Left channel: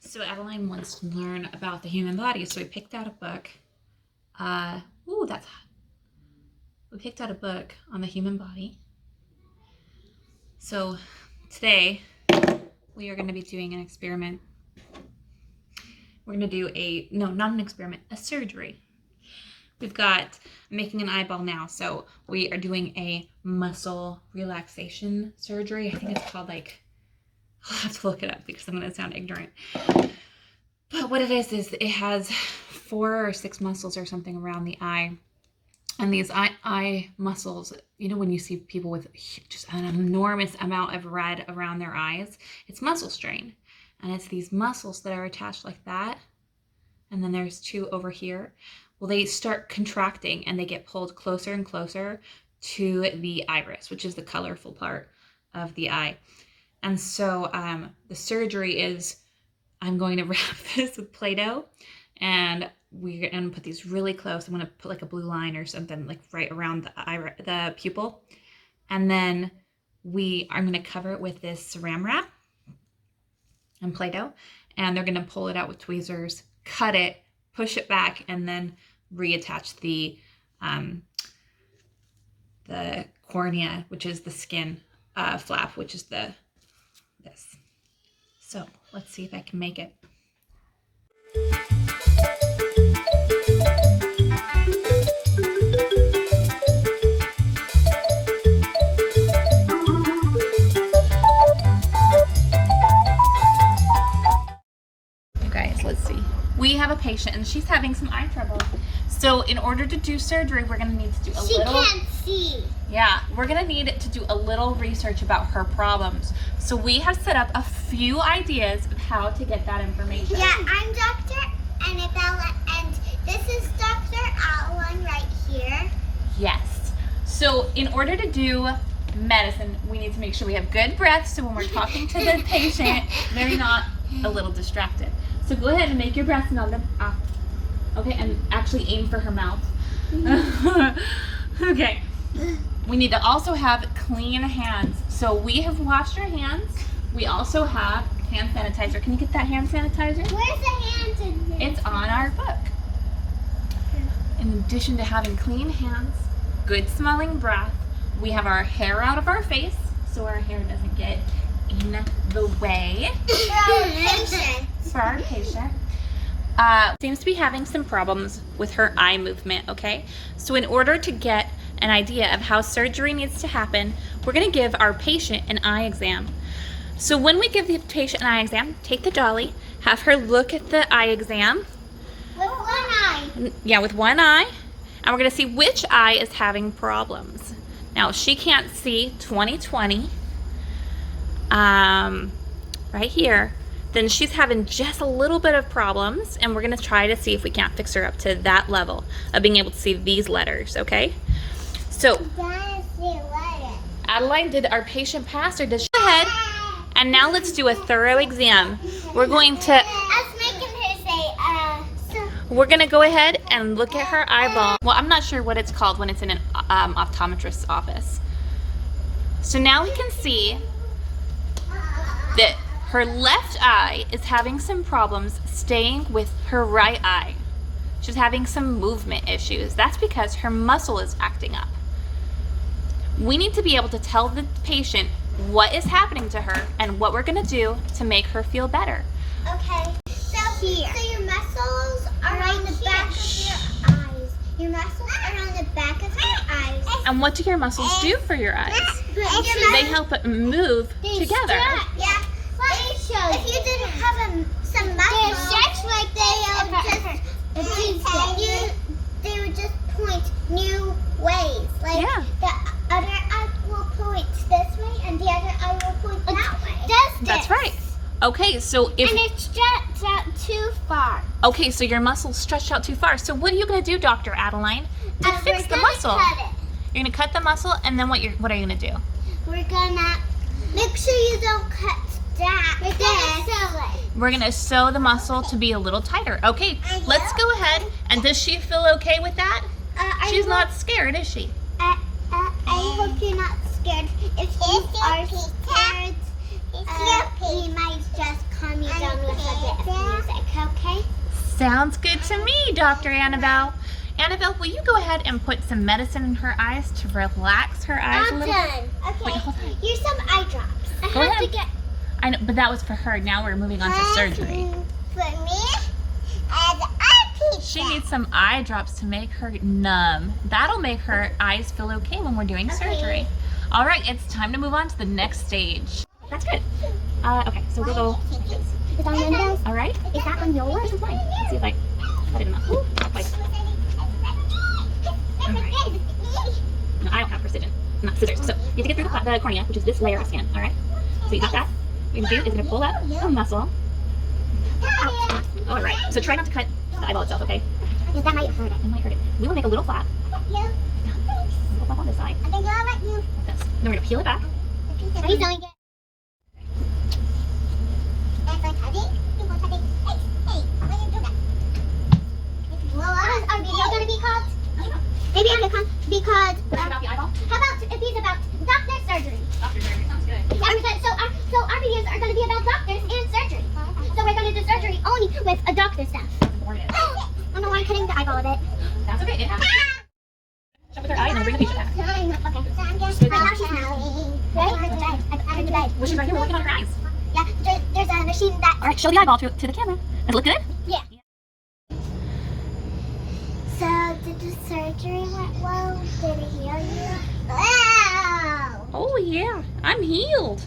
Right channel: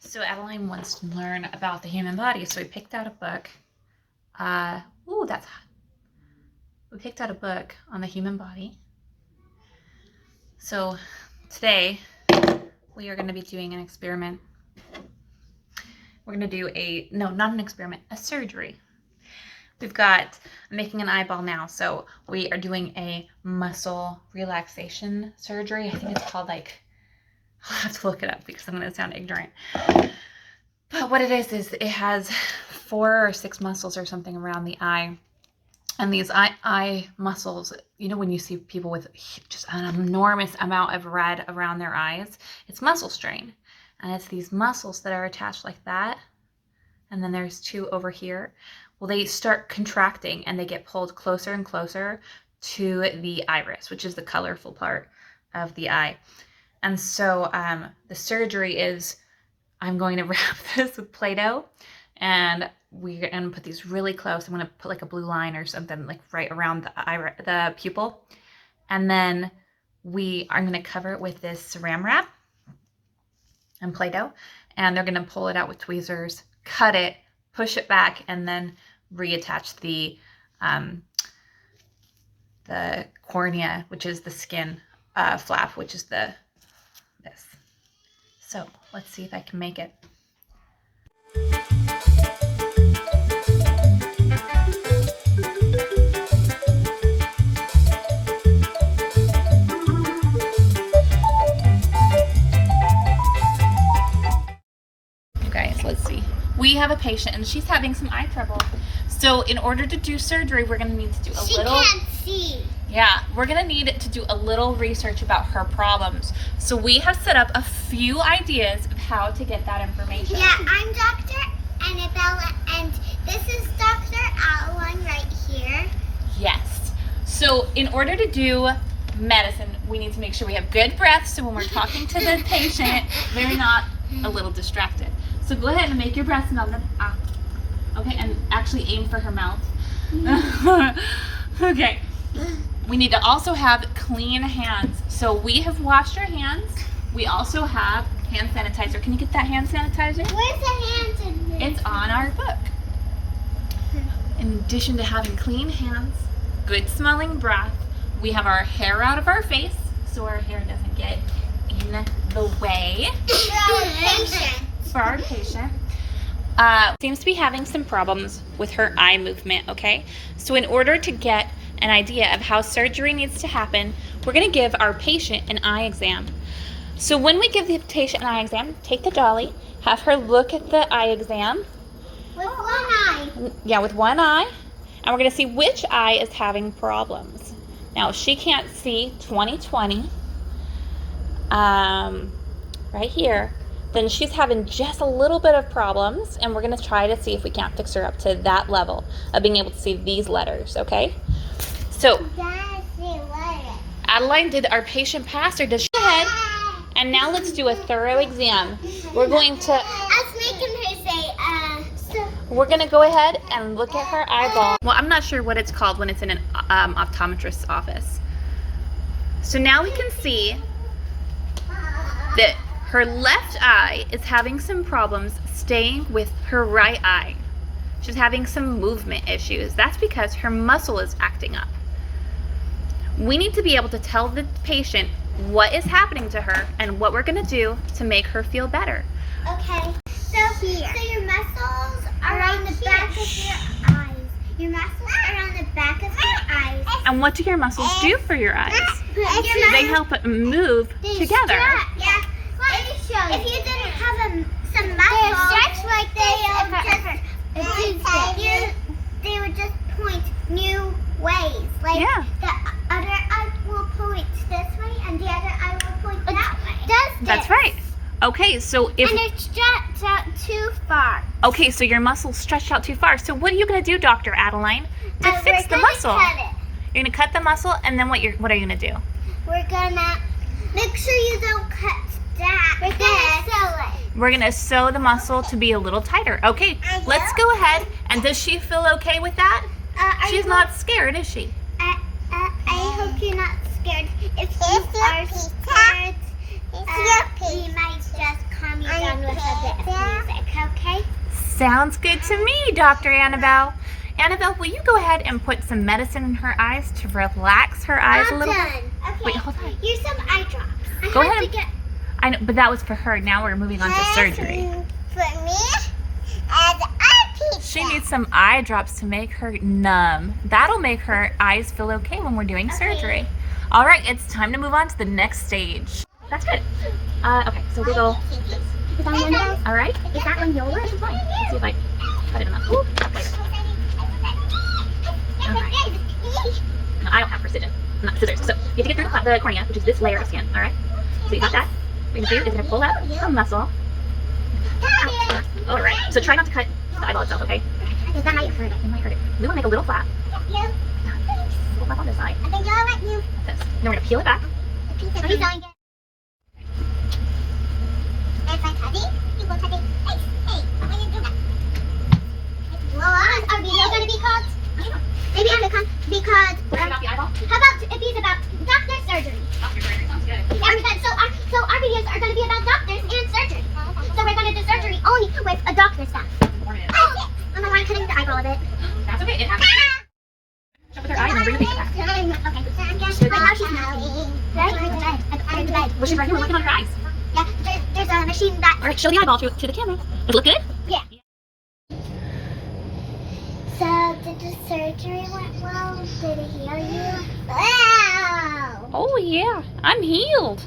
So Adeline wants to learn about the human body, so we picked out a book. Ooh, that's hot. We picked out a book on the human body. So today we are going to be doing an experiment. We're going to do not an experiment, a surgery. I'm making an eyeball now, so we are doing a muscle relaxation surgery. I think it's called I'll have to look it up because I'm going to sound ignorant. But what it is it has 4 or 6 muscles or something around the eye. And these eye muscles, you know, when you see people with just an enormous amount of red around their eyes, it's muscle strain. And it's these muscles that are attached like that. And then there's 2 over here. Well, they start contracting and they get pulled closer and closer to the iris, which is the colorful part of the eye. And so the surgery is, I'm going to wrap this with Play-Doh, and we're going to put these really close. I'm going to put like a blue line or something like right around the pupil. And then I'm going to cover it with this Saran wrap and Play-Doh, and they're going to pull it out with tweezers, cut it, push it back, and then reattach the cornea, which is the skin flap, which is this. So let's see if I can make it. You guys, let's see. We have a patient and she's having some eye trouble. So in order to do surgery, we're going to need to do She can't see. Yeah, we're going to need to do a little research about her problems. So we have set up a few ideas of how to get that information. Yeah, I'm Dr. Annabella, and this is Dr. Adeline right here. Yes. So in order to do medicine, we need to make sure we have good breath, so when we're talking to the patient, they're not a little distracted. So go ahead and make your breath smell. Okay, and actually aim for her mouth. Okay. We need to also have clean hands. So we have washed our hands. We also have hand sanitizer. Can you get that hand sanitizer? Where's the hand sanitizer? It's on our book. In addition to having clean hands, good smelling breath, we have our hair out of our face so our hair doesn't get in the way. For our patient. Seems to be having some problems with her eye movement, okay? So in order to get an idea of how surgery needs to happen, we're going to give our patient an eye exam. So when we give the patient an eye exam, take the Dolly, have her look at the eye exam. With one eye. Yeah, with one eye. And we're going to see which eye is having problems. Now, if she can't see 20/20, right here, then she's having just a little bit of problems, and we're going to try to see if we can't fix her up to that level of being able to see these letters, okay? So, Adeline, did our patient pass, or does she go ahead? And now let's do a thorough exam. We're going to we're going to go ahead and look at her eyeball. Well, I'm not sure what it's called when it's in an optometrist's office. So now we can see that her left eye is having some problems staying with her right eye. She's having some movement issues. That's because her muscle is acting up. We need to be able to tell the patient what is happening to her and what we're going to do to make her feel better. Okay, so your muscles are on the back of your eyes. Your muscles are on the back of your eyes. And what do your muscles do for your eyes? They help it move together. Yeah. If you didn't have some muscles, they would just point new ways. Like the other eye will point this way, and the other eye will point that way. That's right. Okay, so if and it's stretched out too far. Okay, so your muscle's stretched out too far. So what are you going to do, Dr. Adeline, to fix the muscle? You're going to cut the muscle, and then what are you going to do? We're going to make sure you don't cut that. We're going to sew the muscle to be a little tighter. Okay, let's go ahead. And does she feel okay with that? She's not scared, is she? I hope you're not scared. If you are scared, we might just calm you down with a bit. Sounds good to me, Dr. Annabelle. Annabelle, will you go ahead and put some medicine in her eyes to relax her eyes a little? I'm done. Okay. Wait, hold on. Here's some eye drops. Go ahead. I know, but that was for her. Now we're moving on to surgery. For me, as a teacher. She needs some eye drops to make her numb. That'll make her eyes feel okay when we're doing surgery. All right, it's time to move on to the next stage. That's good. Okay, so we'll go. All right. Is that on yours? This is fine. Let's see if I cut it enough. Okay. All right. No, I don't have precision. Not scissors. So you have to get through the cornea, which is this layer of skin. All right. So you got that. What you do is going to pull up a muscle. Out. All right. So try not to cut the eyeball itself, okay? That might hurt it. It might hurt it. We will make a little flap. You. Pull up on this side. I think I'll let you. Like this. Then we're going to peel it back. Please don't get. That's my touchy. People touching. Hey, how do you do that? Well, our video gonna be called. Maybe I'm gonna come because. About the eyeball? How about if it's about doctor surgery? Doctor surgery. Sounds good. Yeah, so our videos are gonna be about doctors and surgery. So we're gonna do surgery only with a doctor stuff. Oh, I'm cutting the eyeball of it. That's okay. It happens. Jump with her eye and then bring the patient back. Okay. Right now she's now. Right? I'm in the bed. Which is right here. We're working on her eyes. Yeah, there's a machine that. All right, show the eyeball to the camera. Does it look good? Yeah. So, did the surgery went well? Did it heal you? Wow! Oh, yeah. I'm healed.